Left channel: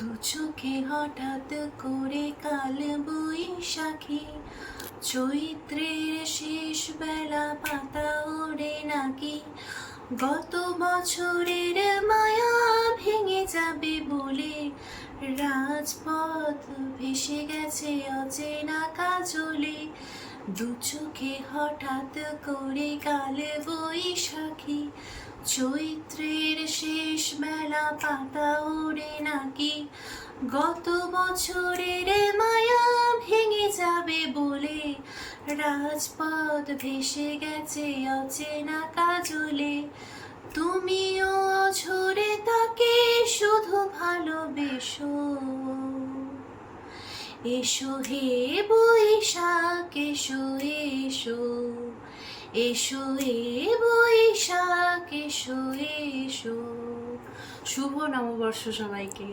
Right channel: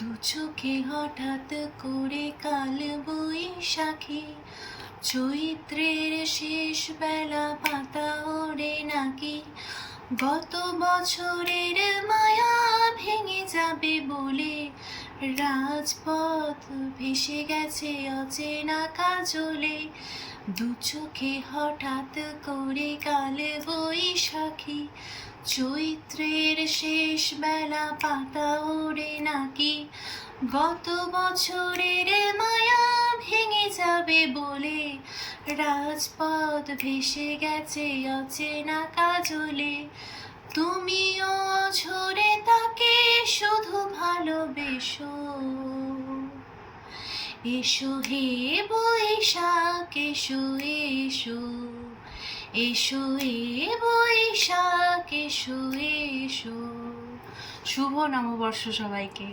দু চোখে হঠাৎ করে কাল বৈশাখী, চৈত্রের শেষ বেলা পাতা ওড়ে নাকি, গত বছরের মায়া ভেঙে যাবে বলে রাজপথ ভেসে গেছে অচেনা কাজলে। দু চোখে হঠাৎ করে কাল বৈশাখী, চৈত্রের শেষ বেলা পাতা ওড়ে নাকি, গত বছরের মায়া ভেঙে যাবে বলে রাজপথ ভেসে গেছে অচেনা কাজলে। তুমিও অঝরে তাকে শুধু ভালোবেসো, এসো হে বৈশাখ এসো এসো, এসো হে বৈশাখ এসো এসো। শুভ নববর্ষ সবাইকে।